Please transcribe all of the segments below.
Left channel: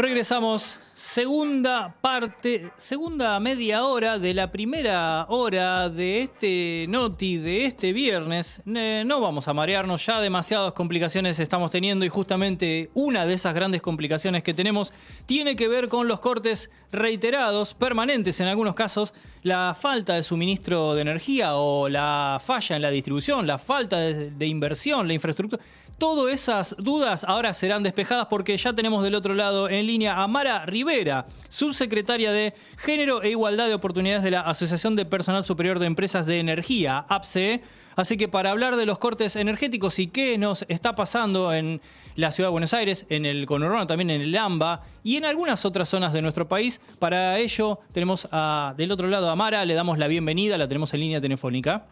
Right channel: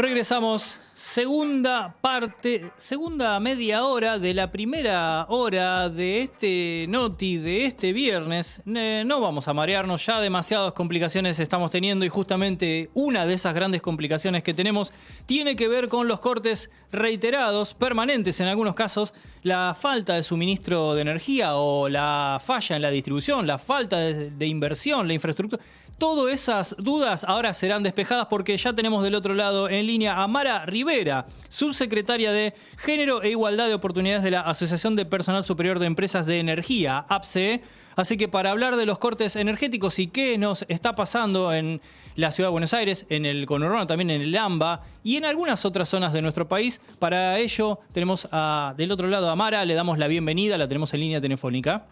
Regresamos, segunda parte, segunda media hora de la primera hora de este Noti de este viernes. No vamos a marearnos, ya demasiadas complicaciones estamos teniendo y justamente una de esas grandes complicaciones que tenemos tiene que ver con los cortes reiterados, permanentes en algunos casos, la falta de suministro de energía o la falla en la distribución, la falta de inversión, la infraestructura. Todas esas dudas ahora serán despejadas porque ya tenemos del otro lado en línea a Mara Rivera, subsecretaria de Género e Igualdad de Oportunidades de la Asociación de Personal Superior de Empresas de Energía, APSE. Así que para hablar de los cortes energéticos y qué nos está pasando en la Ciudad de Buenos Aires, en el conurbano, también en el AMBA y en algunas otras zonas de nuestro país, para ello tenemos del otro lado a Mara, le damos la bienvenida, la tenemos en línea telefónica.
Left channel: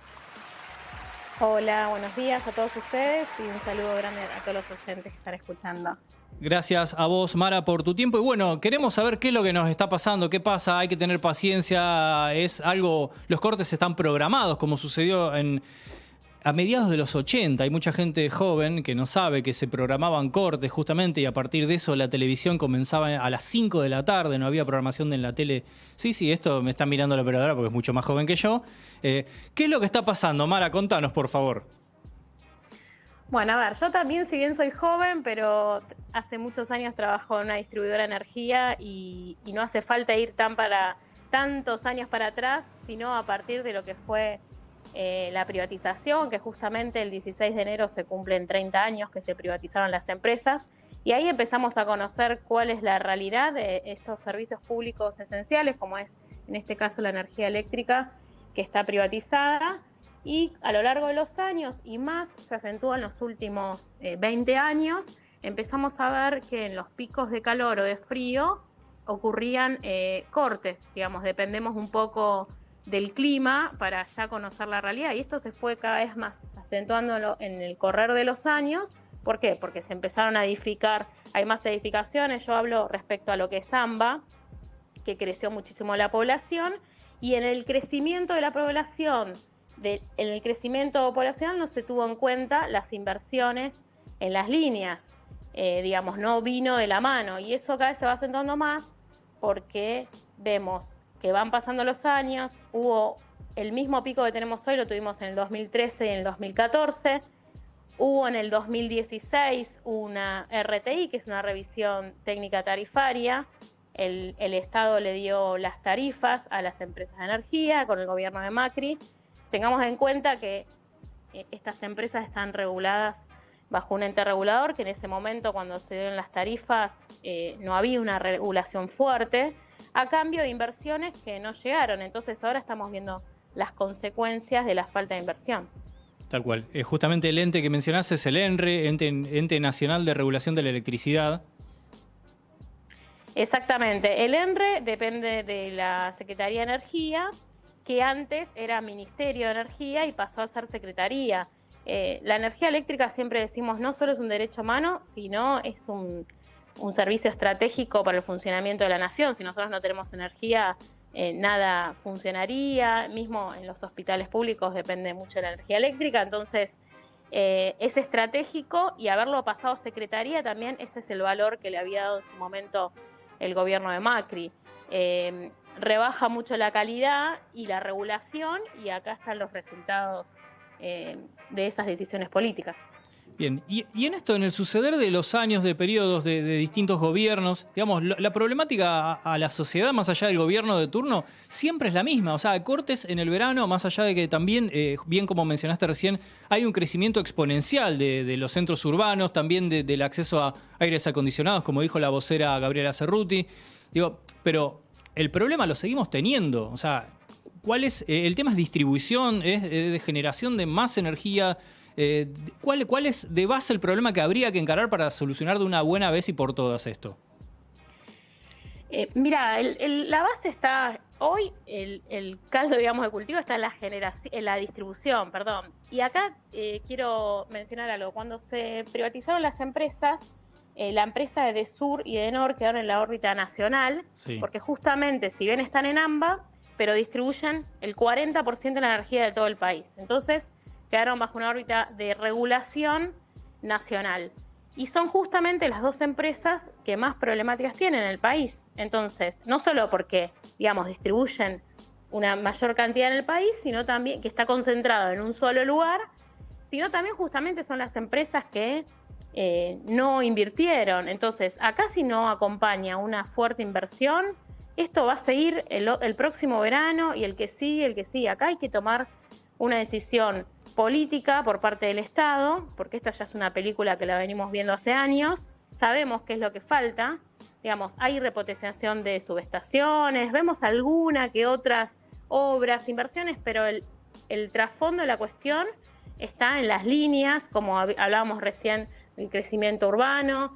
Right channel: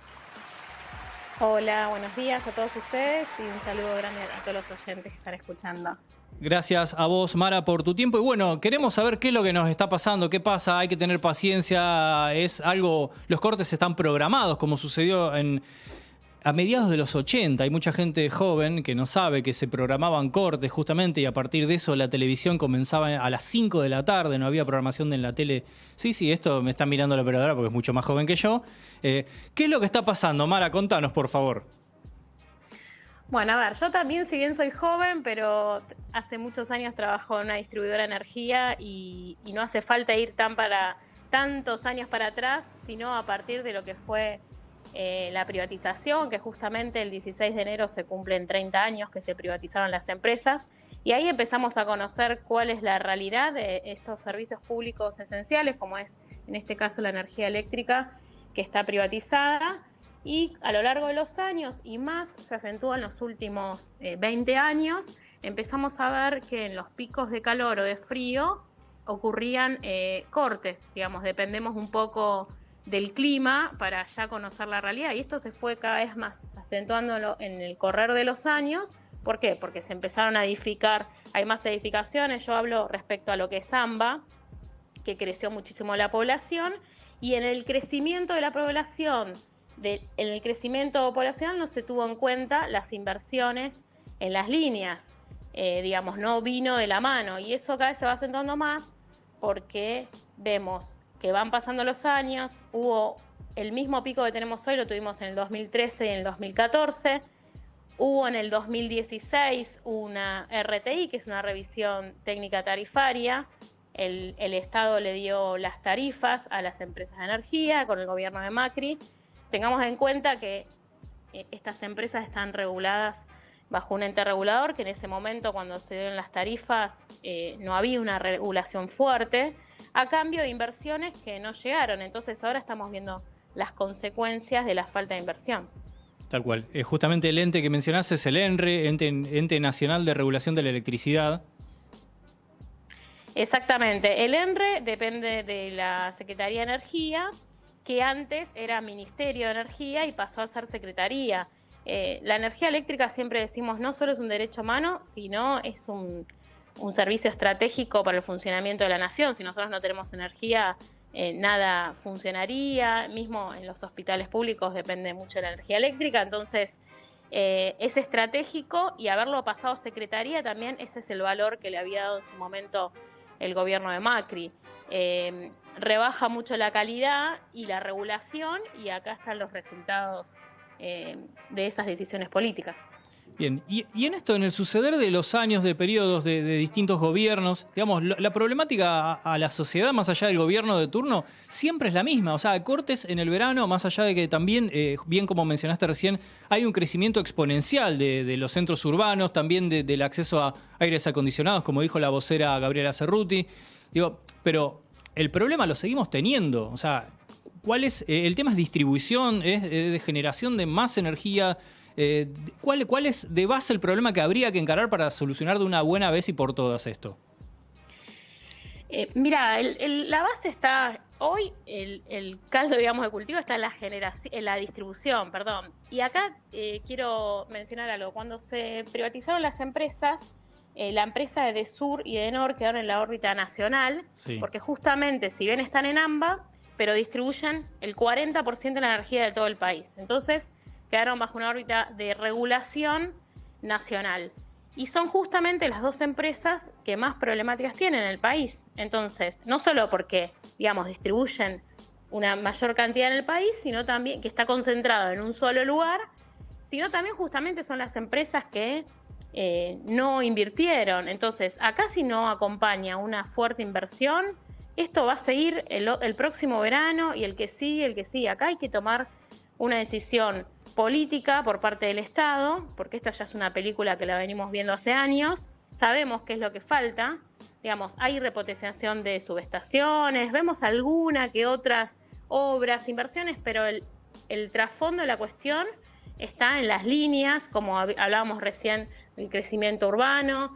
Hola, buenos días a todos ustedes y un saludo grande a todos los oyentes que están escuchando. Gracias a vos, Mara, por tu tiempo. Y bueno, queremos saber qué es lo que nos está pasando, qué pasa, hay que tener paciencia, es algo, los cortes están programados, como sucedió a mediados de los 80. Hay mucha gente joven que no sabe que se programaban cortes justamente y a partir de eso la televisión comenzaba a las 5 de la tarde, no había programación en la tele. Sí, esto me está mirando la operadora porque es mucho más joven que yo. ¿Qué es lo que está pasando, Mara? Contanos, por favor. Bueno, a ver, yo también, si bien soy joven, pero hace muchos años trabajo en una distribuidora de energía y no hace falta ir tantos años para atrás, sino a partir de lo que fue la privatización, que justamente el 16 de enero se cumplen 30 años que se privatizaron las empresas, y ahí empezamos a conocer cuál es la realidad de estos servicios públicos esenciales, como es en este caso la energía eléctrica, que está privatizada, y a lo largo de los años, y más se acentúa en los últimos 20 años, empezamos a ver que en los picos de calor o de frío ocurrían cortes, digamos, dependemos un poco del clima para ya conocer la realidad, y esto se fue cada vez más acentuando en el correr de los años. ¿Por qué? Porque se empezaron a edificar, hay más edificaciones, yo hablo respecto a lo que es AMBA, que creció muchísimo la población, y en el crecimiento de la población, en el crecimiento poblacional no se tuvo en cuenta las inversiones en las líneas, digamos, no vino de la mano, y eso cada vez se va acentuando más porque vemos que van pasando los años, hubo el mismo pico que tenemos hoy, lo tuvimos en el 2013 y en el 2014, hubo en el 2016 una RTI, que es una revisión técnica tarifaria, el Estado le dio las tarifas a las empresas de energía con el gobierno de Macri. Tengamos en cuenta que estas empresas están reguladas bajo un ente regulador, que en ese momento cuando se dieron las tarifas no había una regulación fuerte, a cambio de inversiones que no llegaron. Entonces ahora estamos viendo las consecuencias de la falta de inversión. Tal cual. Justamente el ente que mencionaste es el ENRE, Ente Nacional de Regulación de la Electricidad. Exactamente. El ENRE depende de la Secretaría de Energía, que antes era Ministerio de Energía y pasó a ser Secretaría. La energía eléctrica, siempre decimos, no solo es un derecho humano, sino es un servicio estratégico para el funcionamiento de la nación. Si nosotros no tenemos energía, nada funcionaría. Mismo en los hospitales públicos depende mucho de la energía eléctrica. Entonces, es estratégico, y haberlo pasado a Secretaría también, ese es el valor que le había dado en su momento el gobierno de Macri. Rebaja mucho la calidad y la regulación, y acá están los resultados de esas decisiones políticas. Bien, y en esto, en el suceder de los años, de periodos de distintos gobiernos, digamos, la problemática a la sociedad, más allá del gobierno de turno, siempre es la misma. O sea, cortes en el verano, más allá de que también, bien como mencionaste recién, hay un crecimiento exponencial de los centros urbanos, también del acceso a aires acondicionados, como dijo la vocera Gabriela Cerruti. Digo, pero el problema lo seguimos teniendo. O sea, ¿cuál es? El tema es distribución, es de generación de más energía. ¿Cuál es de base el problema que habría que encarar para solucionar de una buena vez y por todas esto? Mira, la base está hoy, el caldo, digamos, de cultivo está en la distribución, perdón. Y acá quiero mencionar algo. Cuando se privatizaron las empresas, la empresa de Desur y de Enor quedaron en la órbita nacional, sí, porque justamente, si bien están en AMBA, pero distribuyen el 40% de la energía de todo el país. Entonces, quedaron bajo una órbita de regulación nacional. Y son justamente las dos empresas que más problemáticas tienen en el país. Entonces, no solo porque, digamos, distribuyen una mayor cantidad en el país, sino también que está concentrado en un solo lugar, sino también justamente son las empresas que no invirtieron. Entonces, acá si no acompaña una fuerte inversión, esto va a seguir el próximo verano y el que sigue. Acá hay que tomar una decisión política por parte del Estado, porque esta ya es una película que la venimos viendo hace años, sabemos qué es lo que falta, digamos, hay repotenciación de subestaciones, vemos alguna que otras obras, inversiones, pero el trasfondo de la cuestión está en las líneas, como hablábamos recién, el crecimiento urbano,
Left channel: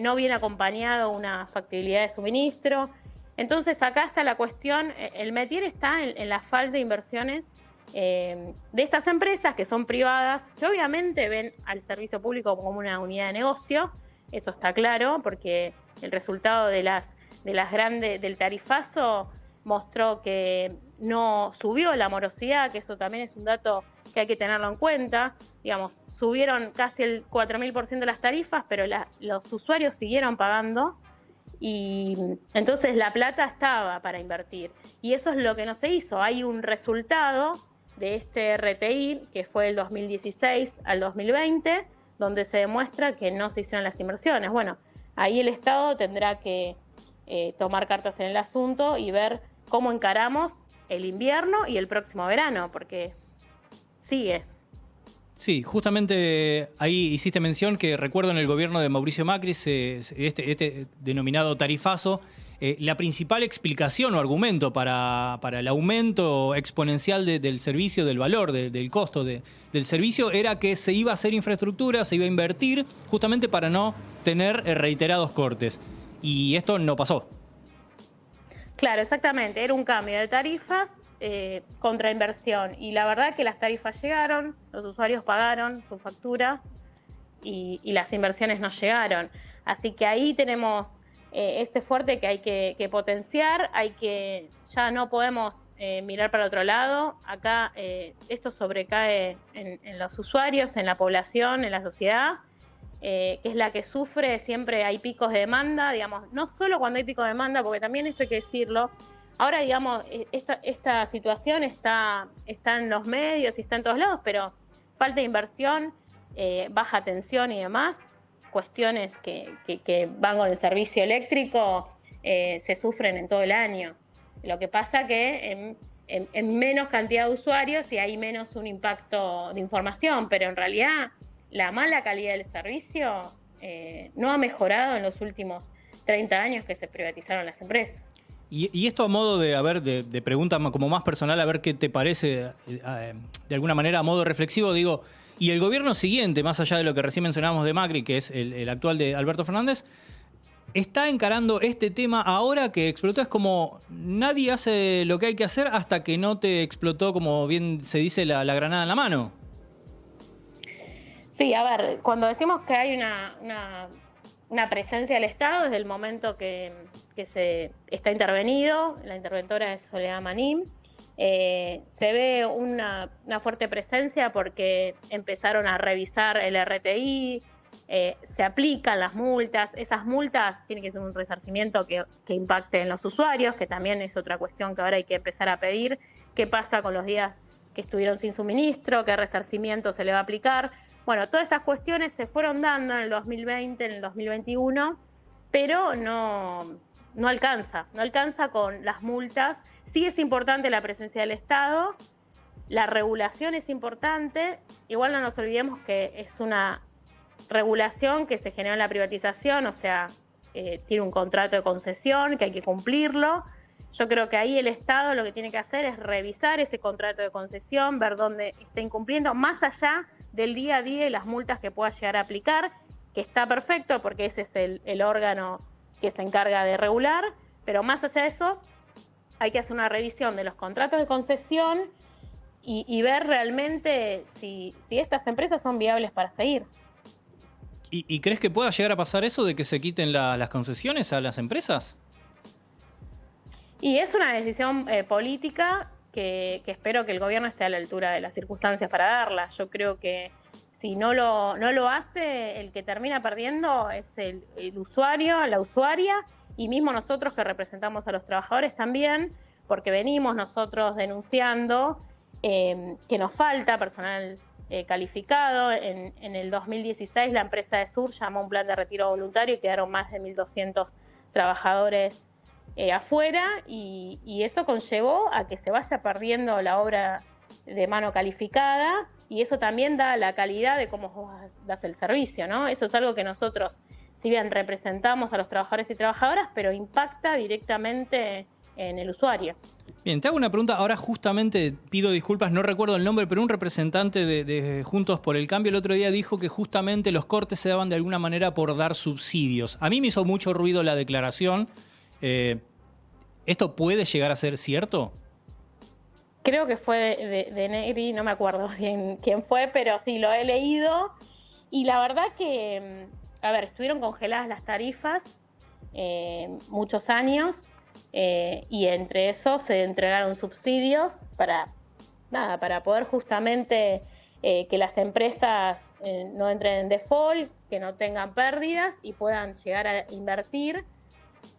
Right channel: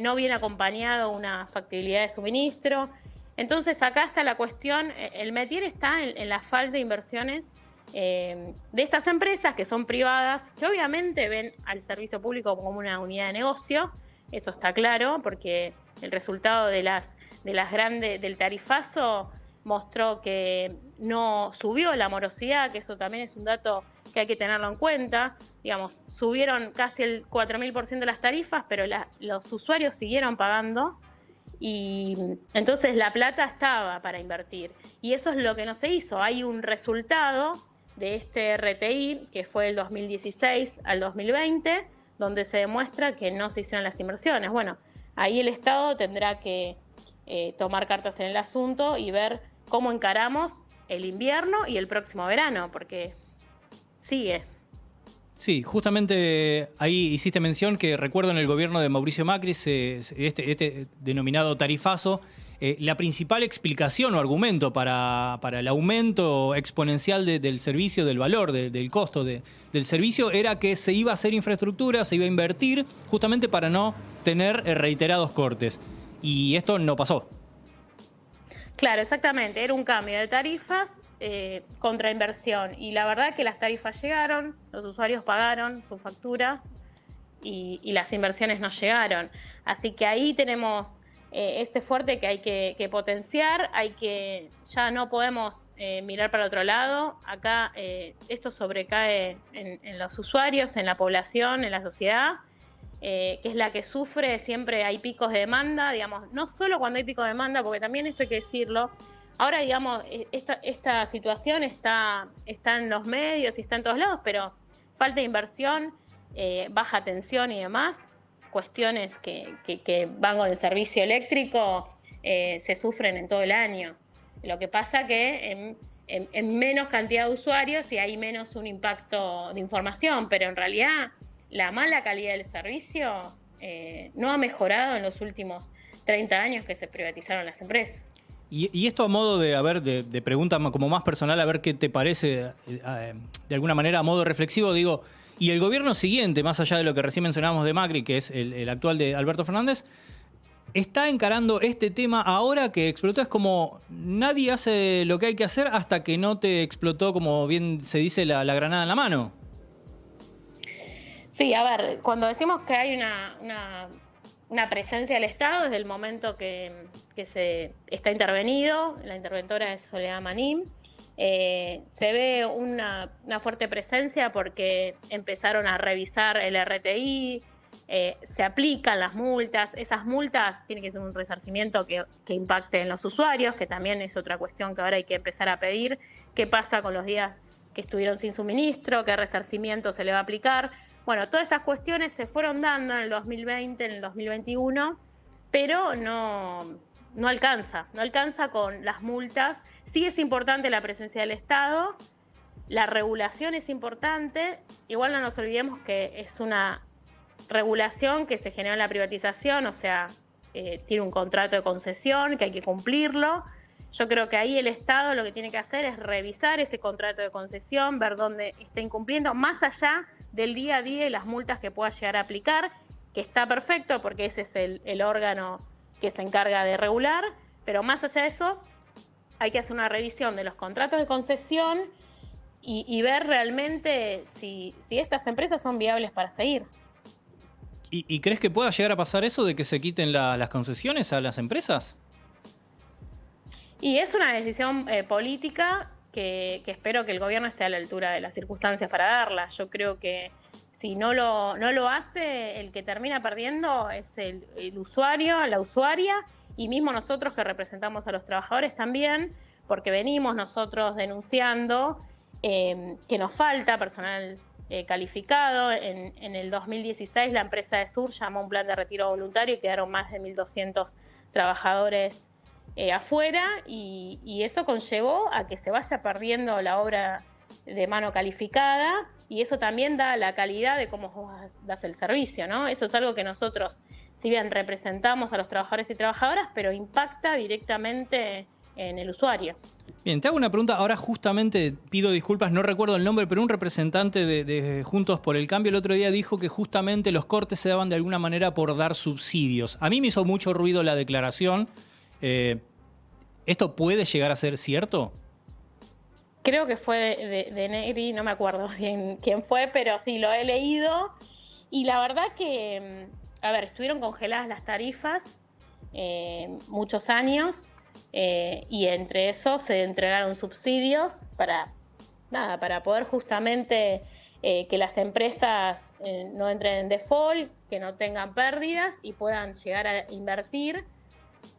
no viene acompañado una factibilidad de suministro. Entonces acá está la cuestión, el métier está en la falta de inversiones de estas empresas que son privadas, que obviamente ven al servicio público como una unidad de negocio, eso está claro, porque el resultado del tarifazo mostró que no subió la morosidad, que eso también es un dato que hay que tenerlo en cuenta. Digamos, subieron casi el 4.000% las tarifas, pero los usuarios siguieron pagando y entonces la plata estaba para invertir. Y eso es lo que no se hizo. Hay un resultado de este RTI, que fue el 2016 al 2020, donde se demuestra que no se hicieron las inversiones. Bueno, ahí el Estado tendrá que tomar cartas en el asunto y ver cómo encaramos el invierno y el próximo verano, porque sigue. Sí, justamente ahí hiciste mención que recuerdo en el gobierno de Mauricio Macri, este denominado tarifazo, la principal explicación o argumento para el aumento exponencial del servicio, del valor, del costo del servicio, era que se iba a hacer infraestructura, se iba a invertir, justamente para no tener reiterados cortes. Y esto no pasó. Claro, exactamente. Era un cambio de tarifas contra inversión. Y la verdad que las tarifas llegaron, los usuarios pagaron su factura y las inversiones no llegaron. Así que ahí tenemos este fuerte que hay que potenciar, ya no podemos mirar para otro lado. Acá esto sobrecae en los usuarios, en la población, en la sociedad. Que es la que sufre, siempre hay picos de demanda, digamos, no solo cuando hay pico de demanda, porque también esto hay que decirlo, ahora digamos, esta situación está en los medios y está en todos lados, pero falta de inversión, baja tensión y demás, cuestiones que van con el servicio eléctrico, se sufren en todo el año. Lo que pasa que en menos cantidad de usuarios y hay menos un impacto de información, pero en realidad la mala calidad del servicio no ha mejorado en los últimos 30 años que se privatizaron las empresas. Y esto a modo de pregunta como más personal, a ver qué te parece, de alguna manera a modo reflexivo, digo, y el gobierno siguiente, más allá de lo que recién mencionábamos de Macri, que es el actual de Alberto Fernández, está encarando este tema ahora que explotó. Es como nadie hace lo que hay que hacer hasta que no te explotó, como bien se dice, la granada en la mano. Sí, a ver, cuando decimos que hay una presencia del Estado, desde el momento que se está intervenido, la interventora es Soledad Manín, se ve una fuerte presencia porque empezaron a revisar el RTI, se aplican las multas, esas multas tienen que ser un resarcimiento que impacte en los usuarios, que también es otra cuestión que ahora hay que empezar a pedir, qué pasa con los días que estuvieron sin suministro, qué resarcimiento se le va a aplicar. Bueno, todas esas cuestiones se fueron dando en el 2020, en el 2021, pero no alcanza con las multas. Sí es importante la presencia del Estado, la regulación es importante, igual no nos olvidemos que es una regulación que se generó en la privatización, o sea, tiene un contrato de concesión que hay que cumplirlo. Yo creo que ahí el Estado lo que tiene que hacer es revisar ese contrato de concesión, ver dónde está incumpliendo, más allá del día a día y las multas que pueda llegar a aplicar, que está perfecto porque ese es el órgano que se encarga de regular, pero más allá de eso hay que hacer una revisión de los contratos de concesión y ver realmente si estas empresas son viables para seguir. ¿Y crees que pueda llegar a pasar eso de que se quiten las concesiones a las empresas? Y es una decisión política que espero que el gobierno esté a la altura de las circunstancias para darla. Yo creo que Si no lo hace, el que termina perdiendo es el usuario, la usuaria, y mismo nosotros que representamos a los trabajadores también, porque venimos nosotros denunciando que nos falta personal calificado. En el 2016 la empresa de Sur llamó a un plan de retiro voluntario y quedaron más de 1.200 trabajadores afuera, y eso conllevó a que se vaya perdiendo la obra de mano calificada, y eso también da la calidad de cómo vos das el servicio, ¿no? Eso es algo que nosotros, si bien representamos a los trabajadores y trabajadoras, pero impacta directamente en el usuario. Bien, te hago una pregunta. Ahora justamente pido disculpas, no recuerdo el nombre, pero un representante de Juntos por el Cambio el otro día dijo que justamente los cortes se daban de alguna manera por dar subsidios. A mí me hizo mucho ruido la declaración. ¿Esto puede llegar a ser cierto? Creo que fue de Negri, no me acuerdo bien quién fue, pero sí, lo he leído. Y la verdad que, estuvieron congeladas las tarifas muchos años, y entre eso se entregaron subsidios para poder justamente que las empresas no entren en default, que no tengan pérdidas y puedan llegar a invertir.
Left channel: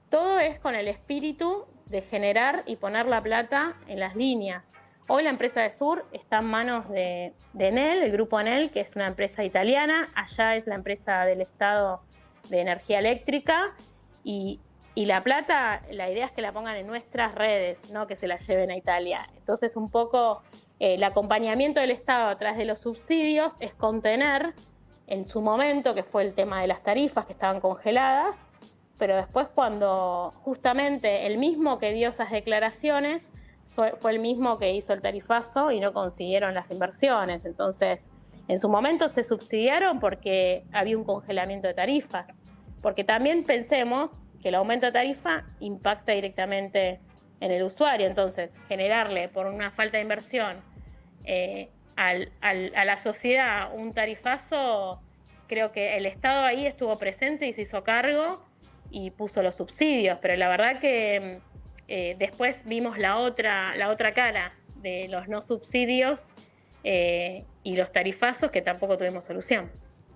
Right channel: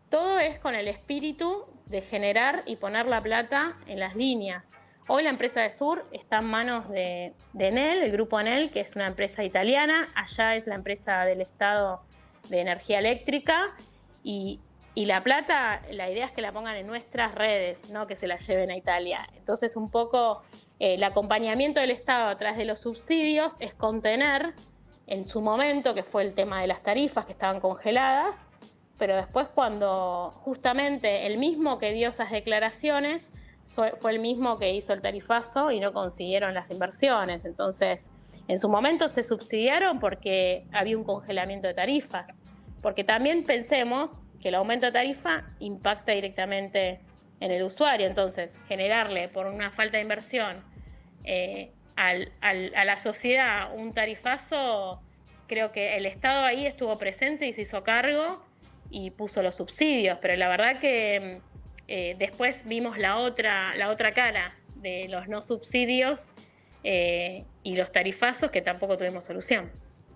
Todo es con el espíritu de generar y poner la plata en las líneas. Hoy la empresa de Sur está en manos de Enel, el grupo Enel, que es una empresa italiana. Allá es la empresa del Estado de energía eléctrica, y la plata, la idea es que la pongan en nuestras redes, no que se la lleven a Italia. Entonces, un poco el acompañamiento del Estado a través de los subsidios es contener en su momento, que fue el tema de las tarifas que estaban congeladas, pero después, cuando justamente el mismo que dio esas declaraciones fue el mismo que hizo el tarifazo y no consiguieron las inversiones. Entonces, en su momento se subsidiaron porque había un congelamiento de tarifas, porque también pensemos que el aumento de tarifa impacta directamente en el usuario. Entonces, generarle por una falta de inversión a la sociedad un tarifazo, creo que el Estado ahí estuvo presente y se hizo cargo y puso los subsidios, pero la verdad que después vimos la otra cara de los no subsidios y los tarifazos, que tampoco tuvimos solución.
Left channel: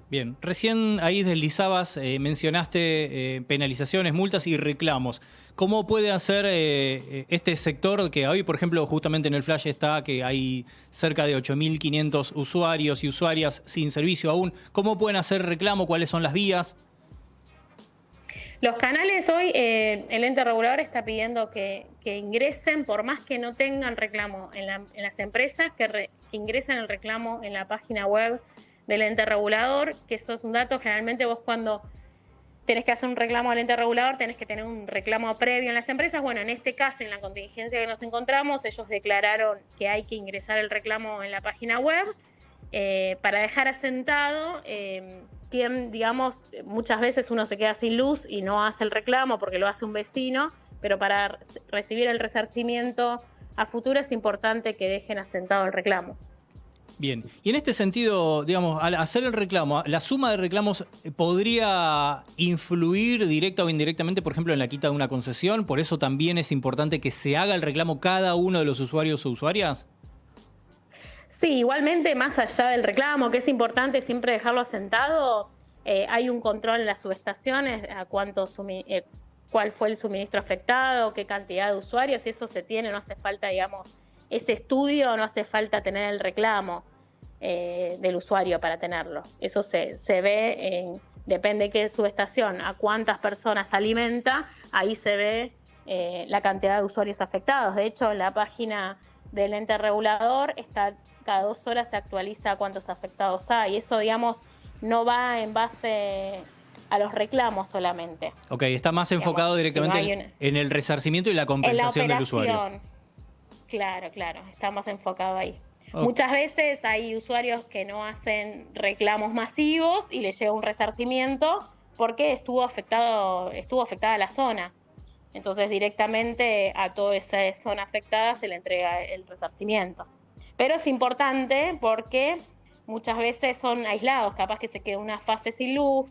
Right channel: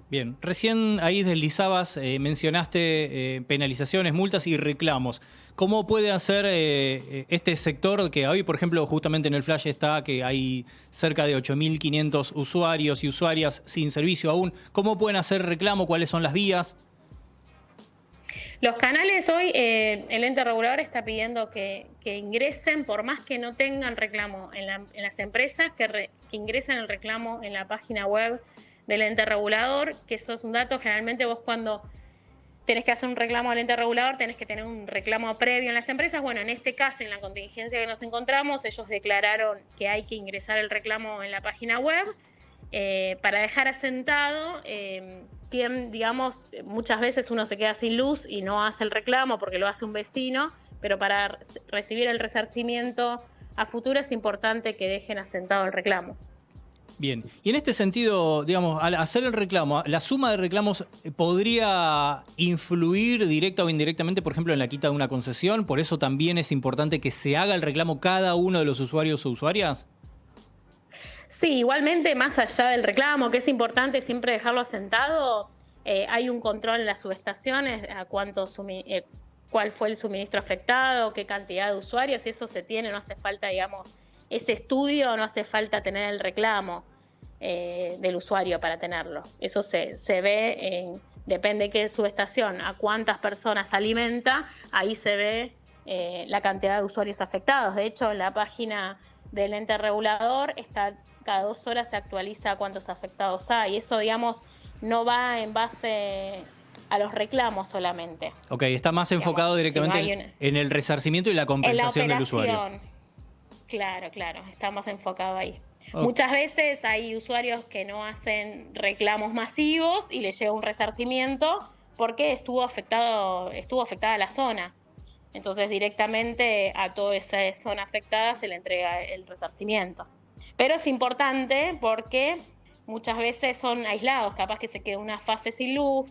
Bien, recién ahí deslizabas, mencionaste penalizaciones, multas y reclamos. ¿Cómo puede hacer este sector que hoy, por ejemplo, justamente en el flash está que hay cerca de 8.500 usuarios y usuarias sin servicio aún? ¿Cómo pueden hacer reclamo? ¿Cuáles son las vías? Los canales hoy, el ente regulador está pidiendo que ingresen, por más que no tengan reclamo en las empresas, que ingresen el reclamo en la página web del ente regulador, que eso es un dato. Generalmente vos, cuando tenés que hacer un reclamo al ente regulador, tenés que tener un reclamo previo en las empresas. Bueno, en este caso, en la contingencia que nos encontramos, ellos declararon que hay que ingresar el reclamo en la página web para dejar asentado quien, digamos, muchas veces uno se queda sin luz y no hace el reclamo porque lo hace un vecino, pero para recibir el resarcimiento a futuro es importante que dejen asentado el reclamo. Bien, y en este sentido, digamos, al hacer el reclamo, ¿la suma de reclamos podría influir directa o indirectamente, por ejemplo, en la quita de una concesión? ¿Por eso también es importante que se haga el reclamo cada uno de los usuarios o usuarias? Sí, igualmente, más allá del reclamo, que es importante siempre dejarlo asentado, hay un control en las subestaciones, a cuál fue el suministro afectado, qué cantidad de usuarios, y eso se tiene, no hace falta, digamos, ese estudio, no hace falta tener el reclamo del usuario para tenerlo. Eso se ve, depende de qué subestación, a cuántas personas alimenta, ahí se ve la cantidad de usuarios afectados. De hecho, en la página del ente regulador cada 2 horas se actualiza cuántos afectados hay. Eso, digamos, no va en base a los reclamos solamente. Ok, está más enfocado directamente en el resarcimiento y la compensación del usuario. Claro, está más enfocado ahí. Okay. Muchas veces hay usuarios que no hacen reclamos masivos y les llega un resarcimiento porque estuvo afectada la zona. Entonces, directamente a toda esa zona afectada se le entrega el resarcimiento. Pero es importante porque muchas veces son aislados, capaz que se queda una fase sin luz,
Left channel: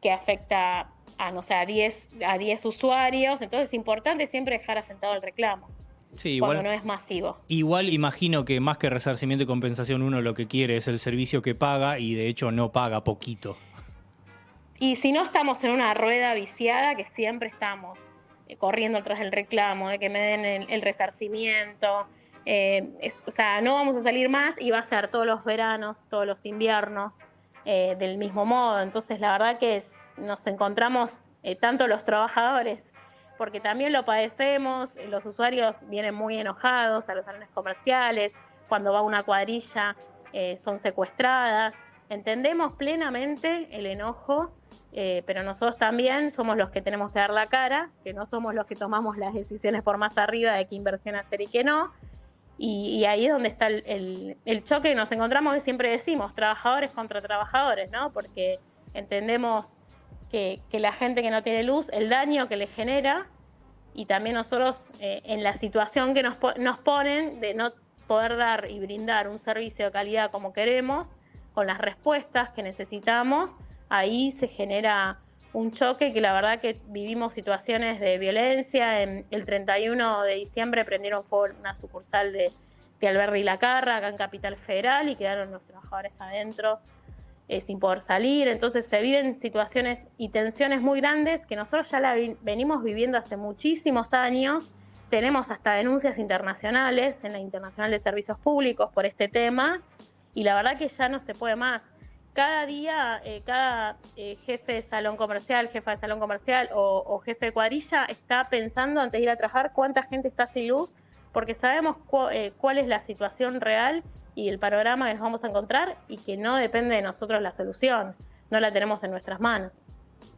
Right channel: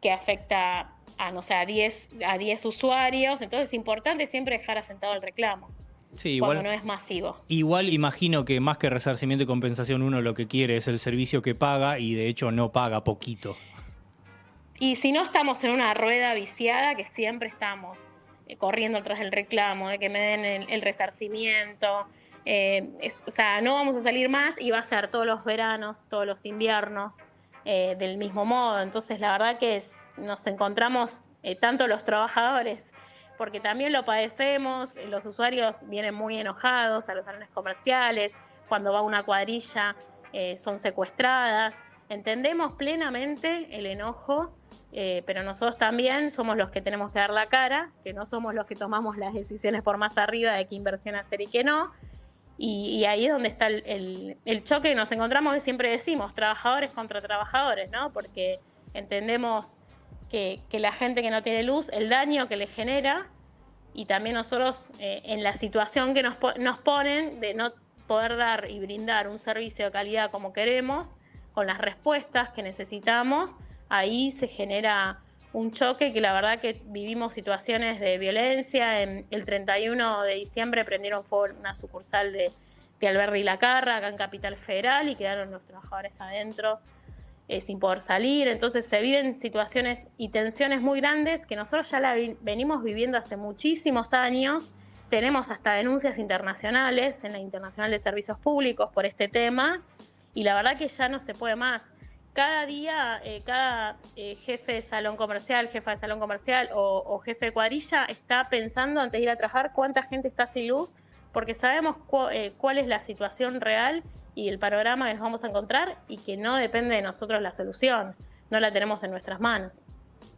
que afecta a 10 usuarios. Entonces, es importante siempre dejar asentado el reclamo. Sí, cuando no es masivo. Igual imagino que más que resarcimiento y compensación uno lo que quiere es el servicio que paga y de hecho no paga poquito. Y si no estamos en una rueda viciada que siempre estamos corriendo tras el reclamo, de que me den el resarcimiento, o sea, no vamos a salir más y va a ser todos los veranos, todos los inviernos, del mismo modo. Entonces la verdad que nos encontramos tanto los trabajadores, porque también lo padecemos, los usuarios vienen muy enojados a los salones comerciales, cuando va una cuadrilla son secuestradas. Entendemos plenamente el enojo, pero nosotros también somos los que tenemos que dar la cara, que no somos los que tomamos las decisiones por más arriba de qué inversión hacer y qué no. Y ahí es donde está el choque que nos encontramos, que siempre decimos, trabajadores contra trabajadores, ¿no? Porque entendemos que la gente que no tiene luz, el daño que le genera, y también nosotros en la situación que nos ponen de no poder dar y brindar un servicio de calidad como queremos, con las respuestas que necesitamos, ahí se genera un choque que la verdad que vivimos situaciones de violencia. El 31 de diciembre prendieron fuego una sucursal de Alberdi y La Carra, acá en Capital Federal, y quedaron los trabajadores adentro sin poder salir. Entonces se viven situaciones y tensiones muy grandes que nosotros ya venimos viviendo hace muchísimos años. Tenemos hasta denuncias internacionales en la Internacional de Servicios Públicos por este tema, y la verdad que ya no se puede más. Cada día, cada jefe de salón comercial, jefa de salón comercial o jefe de cuadrilla está pensando antes de ir a trabajar cuánta gente está sin luz, porque sabemos cuál es la situación real y el panorama que nos vamos a encontrar, y que no depende de nosotros la solución, no la tenemos en nuestras manos.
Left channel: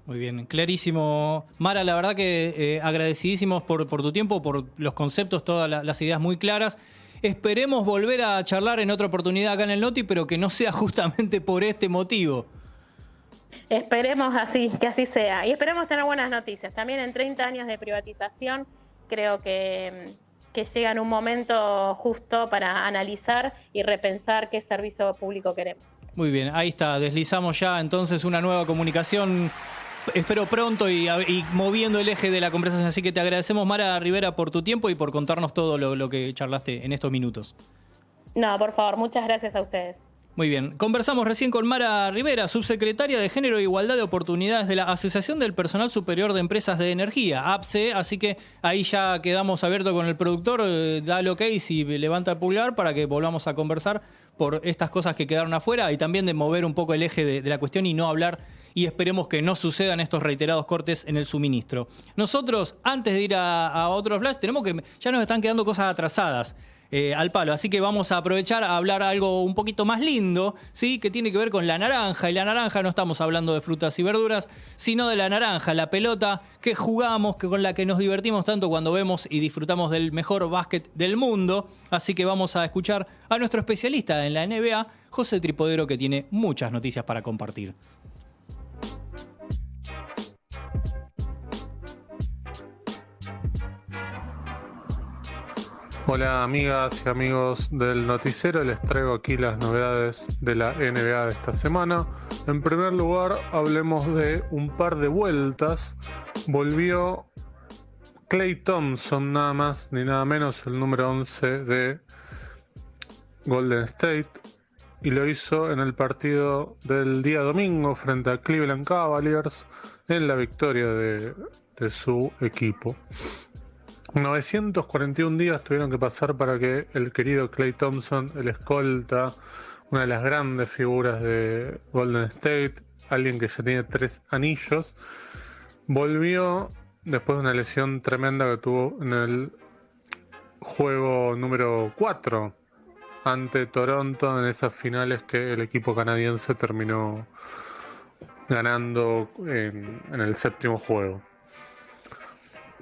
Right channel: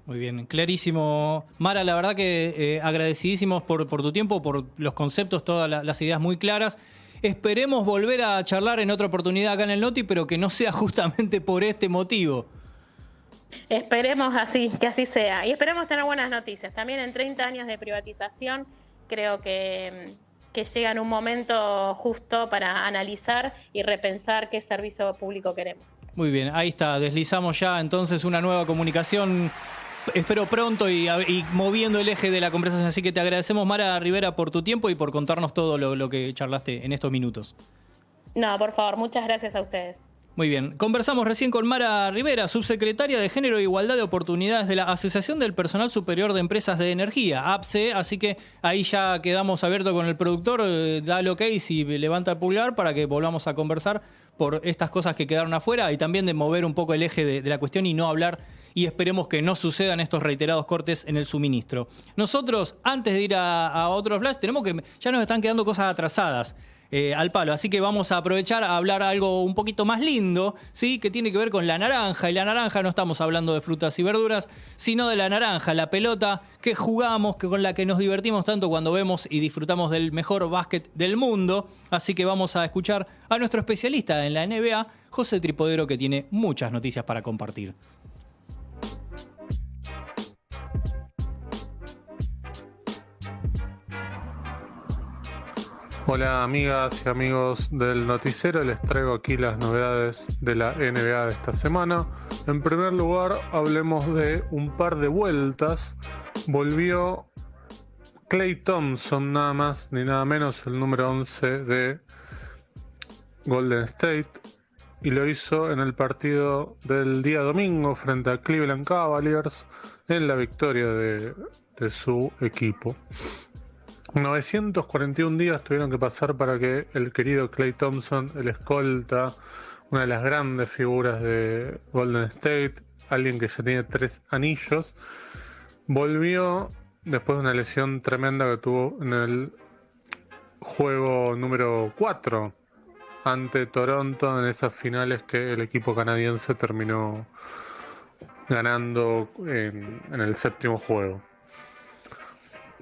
Muy bien, clarísimo. Mara, la verdad que agradecidísimos por tu tiempo, por los conceptos, todas las ideas muy claras. Esperemos volver a charlar en otra oportunidad acá en el Noti, pero que no sea justamente por este motivo. Esperemos que así sea. Y esperemos tener buenas noticias. También en 30 años de privatización creo que llega en un momento justo para analizar y repensar qué servicio público queremos. Muy bien, ahí está. Deslizamos ya entonces una nueva comunicación. Espero pronto y moviendo el eje de la conversación. Así que te agradecemos, Mara Rivera, por tu tiempo y por contarnos todo lo que charlaste en estos minutos. No, por favor, muchas gracias a ustedes. Muy bien. Conversamos recién con Mara Rivera, subsecretaria de Género e Igualdad de Oportunidades de la Asociación del Personal Superior de Empresas de Energía, APSE. Así que ahí ya quedamos abiertos con el productor. Da el ok si levanta el pulgar para que volvamos a conversar por estas cosas que quedaron afuera y también de mover un poco el eje de la cuestión y no hablar, y esperemos que no sucedan estos reiterados cortes en el suministro. Nosotros, antes de ir a otro flash, ya nos están quedando cosas atrasadas al palo, así que vamos a aprovechar a hablar algo un poquito más lindo, ¿sí? Que tiene que ver con la naranja. Y la naranja no estamos hablando de frutas y verduras, sino de la naranja, la pelota que jugamos, con la que nos divertimos tanto cuando vemos y disfrutamos del mejor básquet del mundo. Así que vamos a escuchar a nuestro especialista en la NBA, José Tripodero, que tiene muchas noticias para compartir. Hola amigas y amigos del noticiero, les traigo aquí las novedades de la NBA de esta semana. En primer lugar, hablemos de un par de vueltas. Volvió Klay Thompson, nada más ni nada menos, el número 11 de Golden State, y lo hizo en el partido del día domingo frente a Cleveland Cavaliers, en la victoria de su equipo. 941 días tuvieron que pasar para que el querido Klay Thompson, el escolta, una de las grandes figuras de Golden State, alguien que ya tiene 3 anillos, volvió después de una lesión tremenda que tuvo en el juego número 4 ante Toronto, en esas finales que el equipo canadiense terminó ganando en el séptimo juego.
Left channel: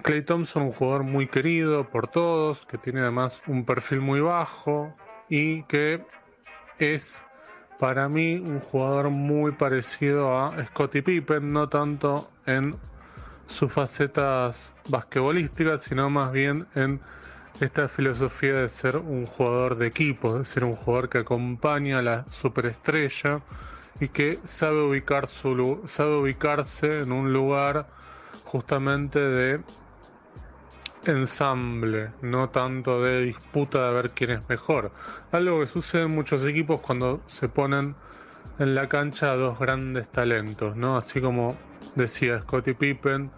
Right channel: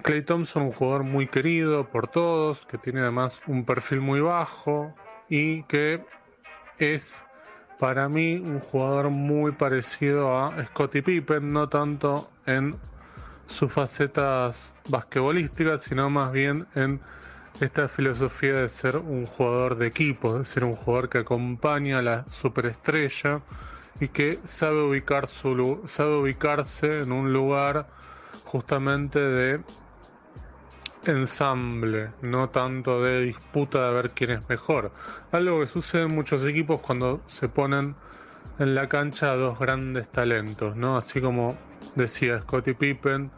Klay Thompson, un jugador muy querido por todos, que tiene además un perfil muy bajo y que es para mí un jugador muy parecido a Scottie Pippen, no tanto en sus facetas basquetbolísticas, sino más bien en esta filosofía de ser un jugador de equipo, de ser un jugador que acompaña a la superestrella y que sabe ubicarse en un lugar justamente de ensamble, no tanto de disputa de ver quién es mejor. Algo que sucede en muchos equipos cuando se ponen en la cancha dos grandes talentos, ¿no? Así como decía Scottie Pippen,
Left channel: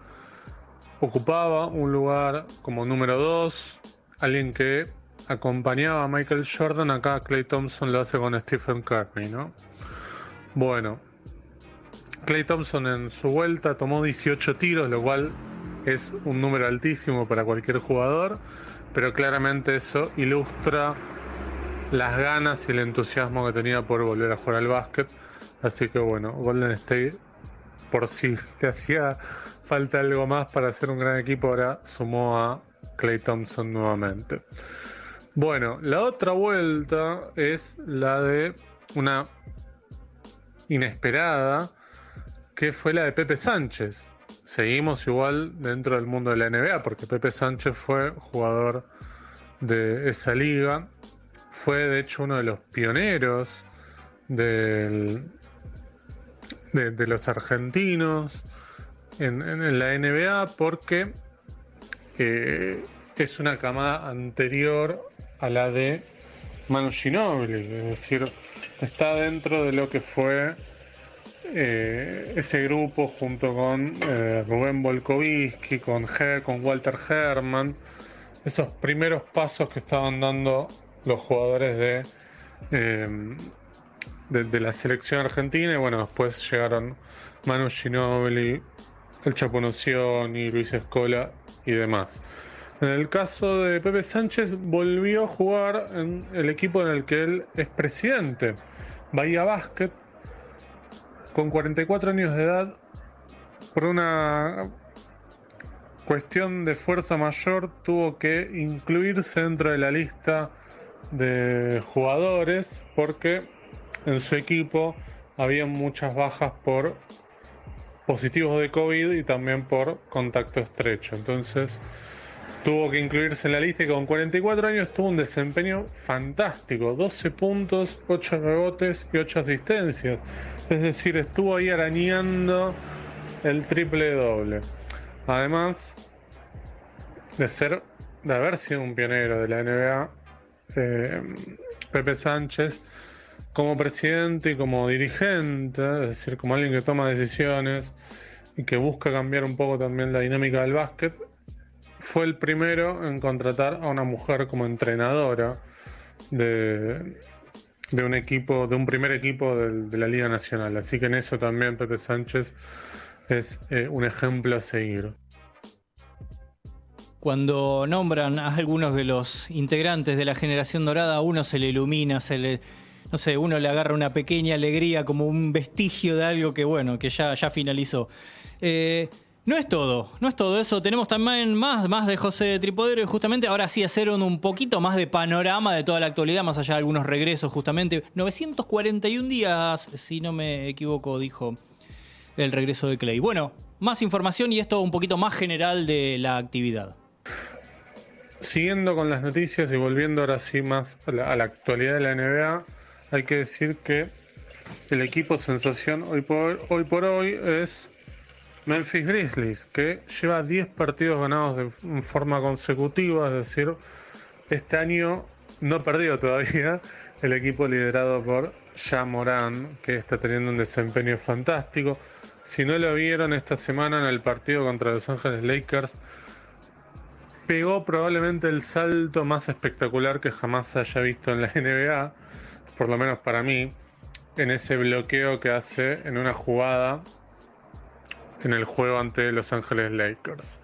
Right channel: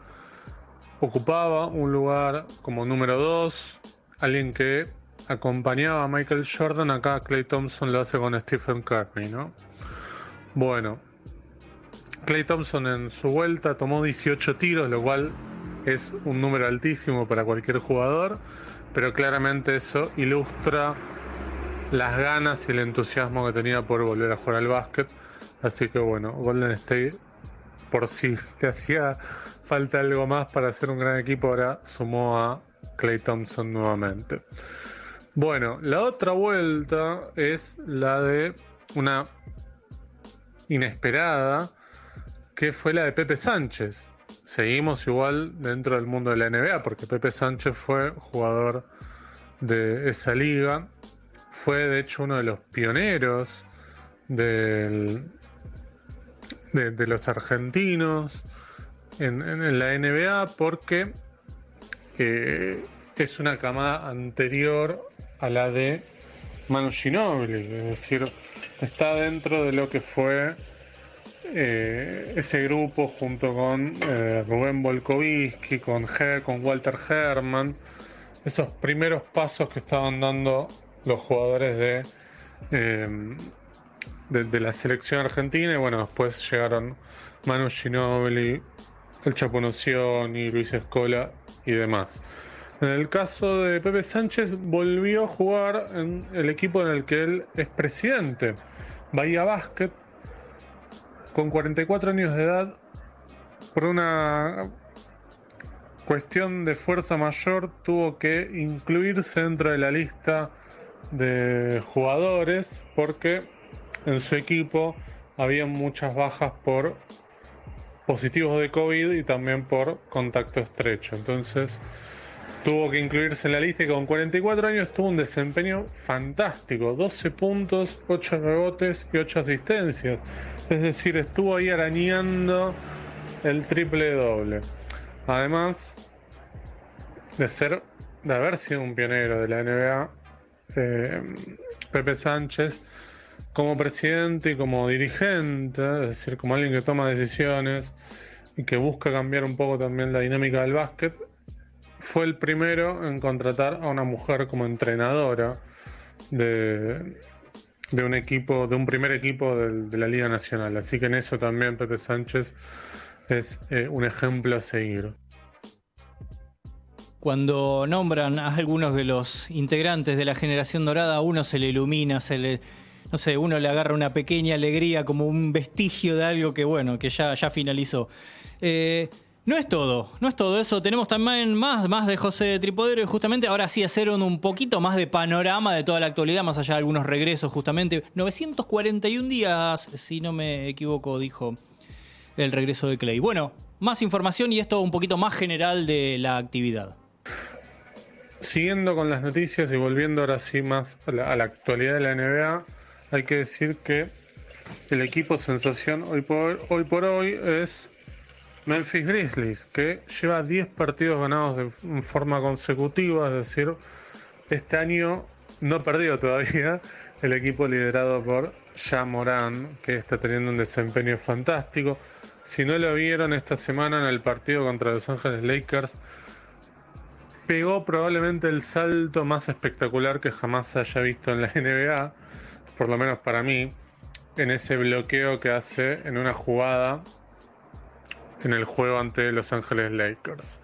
ocupaba un lugar como número 2, alguien que acompañaba a Michael Jordan. Acá Klay Thompson lo hace con Stephen Curry, ¿no? Bueno, Klay Thompson en su vuelta tomó 18 tiros, lo cual es un número altísimo para cualquier jugador, pero claramente eso ilustra las ganas y el entusiasmo que tenía por volver a jugar al básquet. Así que bueno, Golden State, por si le hacía falta algo más para hacer un gran equipo, ahora sumó a Klay Thompson nuevamente. Bueno, la otra vuelta es la de una inesperada, que fue la de Pepe Sánchez. Seguimos igual dentro del mundo de la NBA, porque Pepe Sánchez fue jugador de esa liga. Fue de hecho uno de los pioneros de los argentinos en la NBA, porque es una camada anterior a la de Manu Ginóbili, es decir, está dentro de lo que fue ese grupo junto con Rubén Volkovitsky, con Walter Herrmann, esos primeros pasos que estaban dando los jugadores de la selección argentina. Y bueno, después llegaron Manu Ginóbili, el Chapo Nocioni, Luis Scola y demás. En el caso de Pepe Sánchez, volvió a jugar en el equipo en el que él es presidente, Bahía Basket, con 44 años de edad. Por una cuestión de fuerza mayor tuvo que incluirse dentro de la lista de jugadores, porque en su equipo había muchas bajas por positivos de COVID y también por contacto estrecho. Entonces tuvo que incluirse en la lista, y con 44 años tuvo un desempeño fantástico: 12 puntos, 8 rebotes y 8 asistencias. Es decir, estuvo ahí arañando el triple doble. Además de haber sido un pionero de la NBA, Pepe Sánchez, como presidente y como dirigente, es decir, como alguien que toma decisiones y que busca cambiar un poco también la dinámica del básquet, fue el primero en contratar a una mujer como entrenadora de un equipo, de un primer equipo de la Liga Nacional. Así que en eso también Pepe Sánchez es un ejemplo a seguir. Cuando nombran a algunos de los integrantes de la generación dorada, a uno se le ilumina, no sé, uno le agarra una pequeña alegría, como un vestigio de algo que bueno, que ya finalizó. No es todo eso. Tenemos también más de José Tripodero, y justamente ahora sí hacer un poquito más de panorama de toda la actualidad, más allá de algunos regresos, justamente. 941 días, si no me equivoco, dijo el regreso de Klay. Bueno, más información y esto un poquito más general de la actividad. Siguiendo con las noticias y volviendo ahora sí más a la actualidad de la NBA, hay que decir que el equipo sensación hoy por hoy es Memphis Grizzlies, que lleva 10 partidos ganados en forma consecutiva. Es decir, este año no perdió todavía el equipo liderado por Ja Morant, que está teniendo un desempeño fantástico. Si no lo vieron esta semana en el partido contra Los Ángeles Lakers, pegó probablemente el salto más espectacular que jamás haya visto en la NBA, por lo menos para mí, en ese bloqueo que hace en una jugada en el juego ante Los Ángeles Lakers.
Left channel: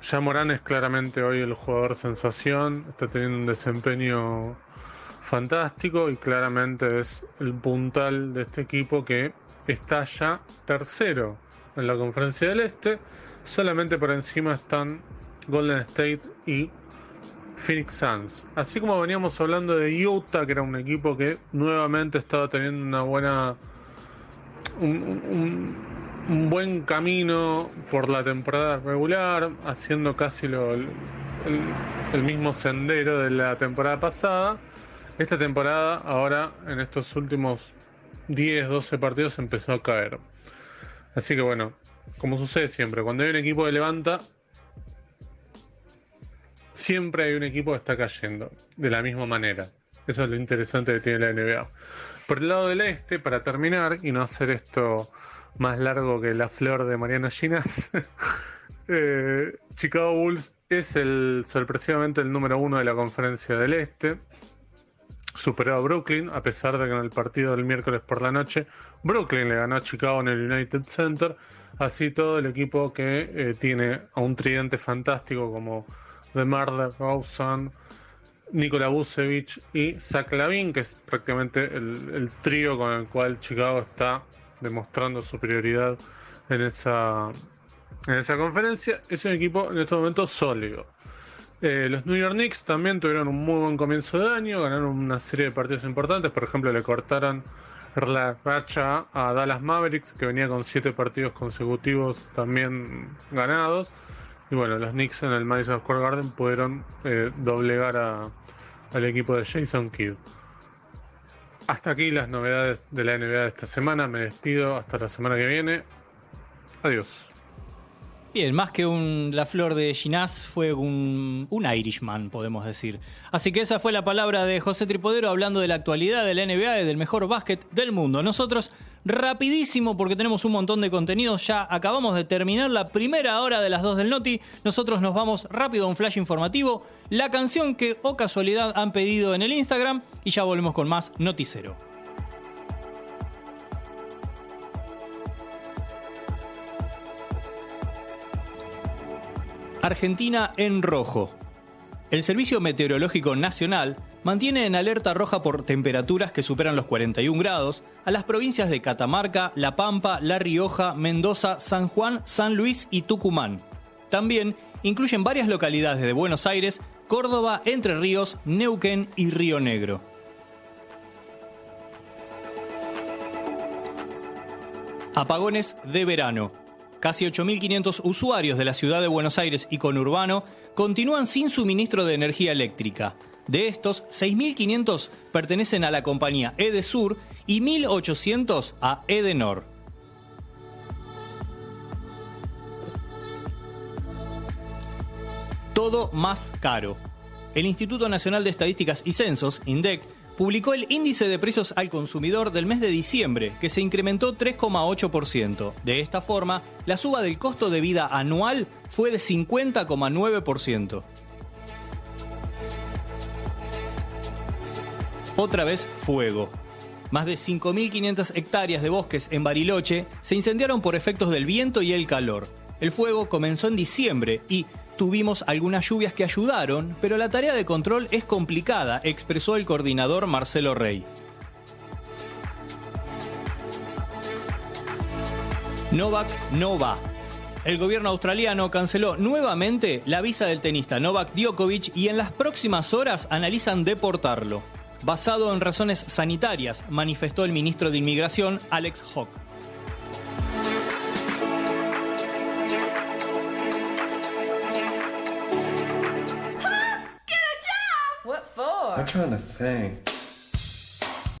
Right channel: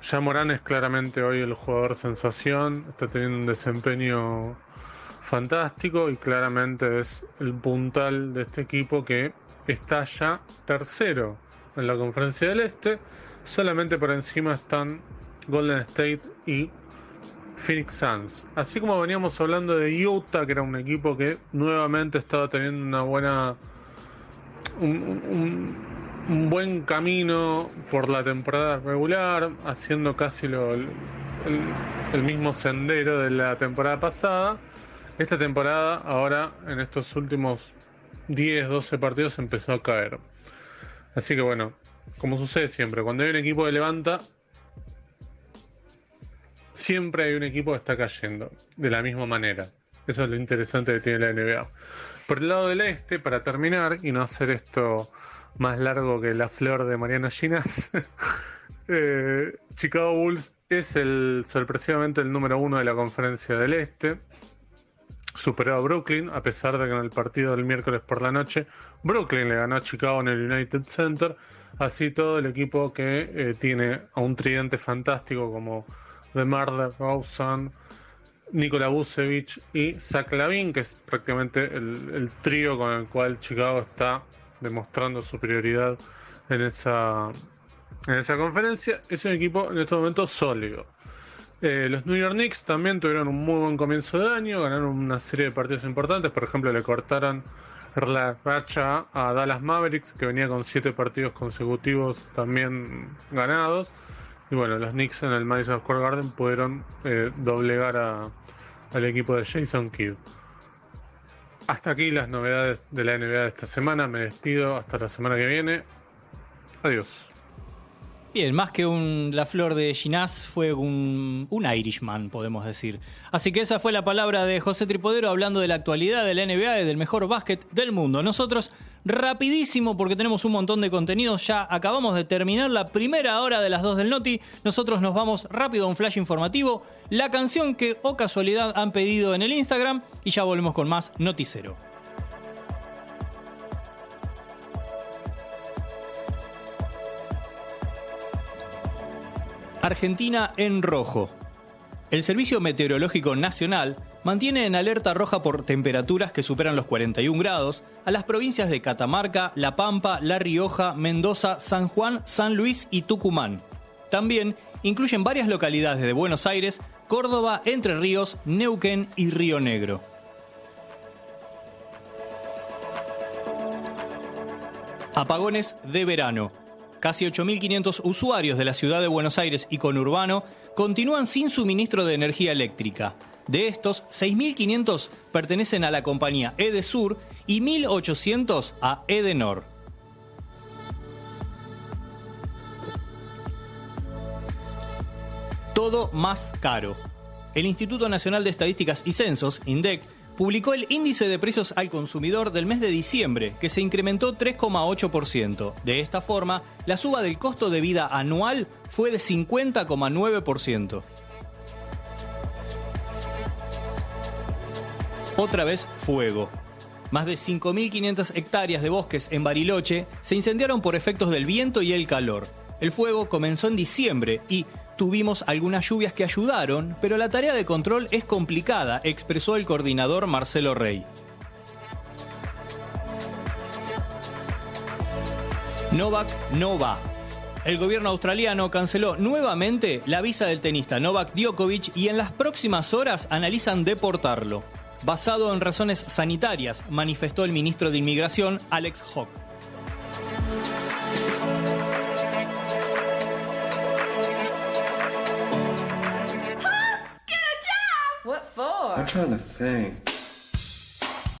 Ja Morant es claramente hoy el jugador sensación, está teniendo un desempeño fantástico y claramente es el puntal de este equipo, que está ya tercero en la Conferencia del Este. Solamente por encima están Golden State y Phoenix Suns. Así como veníamos hablando de Utah, que era un equipo que nuevamente estaba teniendo una buena un buen camino por la temporada regular, haciendo casi el mismo sendero de la temporada pasada. Esta temporada, ahora en estos últimos 10-12 partidos, empezó a caer. Así que bueno, como sucede siempre, cuando hay un equipo que levanta, siempre hay un equipo que está cayendo de la misma manera. Eso es lo interesante que tiene la NBA. Por el lado del este, para terminar y no hacer esto más largo que la flor de Mariano Ginás, Chicago Bulls es sorpresivamente el número 1 de la conferencia del este. Superó a Brooklyn, a pesar de que en el partido del miércoles por la noche Brooklyn le ganó a Chicago en el United Center. Así todo el equipo que tiene a un tridente fantástico como DeMar DeRozan, Nikola Vucevic y Zach LaVine, que es prácticamente el trío con el cual Chicago está demostrando superioridad en esa conferencia. Es un equipo en este momento sólido. Los New York Knicks también tuvieron un muy buen comienzo de año, ganaron una serie de partidos importantes. Por ejemplo, le cortaron la racha a Dallas Mavericks, que venía con 7 partidos consecutivos también ganados. Y bueno, los Knicks en el Madison Square Garden pudieron doblegar al equipo de Jason Kidd. Hasta aquí las novedades de la NBA de esta semana. Me despido hasta la semana que viene. Adiós. Bien, más que la flor de Ginás, fue un Irishman, podemos decir. Así que esa fue la palabra de José Tripodero hablando de la actualidad de la NBA y del mejor básquet del mundo. Nosotros, rapidísimo, porque tenemos un montón de contenidos, ya acabamos de terminar la primera hora de las 2 del Noti. Nosotros nos vamos rápido a un flash informativo, la canción que, o casualidad, han pedido en el Instagram, y ya volvemos con más Noticero. Argentina en rojo. El Servicio Meteorológico Nacional mantiene en alerta roja por temperaturas que superan los 41 grados a las provincias de Catamarca, La Pampa, La Rioja, Mendoza, San Juan, San Luis y Tucumán. También incluyen varias localidades de Buenos Aires, Córdoba, Entre Ríos, Neuquén y Río Negro. Apagones de verano. Casi 8.500 usuarios de la ciudad de Buenos Aires y conurbano continúan sin suministro de energía eléctrica. De estos, 6.500 pertenecen a la compañía Edesur y 1.800 a Edenor. Todo más caro. El Instituto Nacional de Estadísticas y Censos, INDEC, publicó el índice de precios al consumidor del mes de diciembre, que se incrementó 3,8%. De esta forma, la suba del costo de vida anual fue de 50,9%. Otra vez fuego. Más de 5.500 hectáreas de bosques en Bariloche se incendiaron por efectos del viento y el calor. El fuego comenzó en diciembre y tuvimos algunas lluvias que ayudaron, pero la tarea de control es complicada, expresó el coordinador Marcelo Rey. Novak no va. El gobierno australiano canceló nuevamente la visa del tenista Novak Djokovic y en las próximas horas analizan deportarlo. Basado en razones sanitarias, manifestó el ministro de Inmigración, Alex Hawke. What for? I'm trying to think.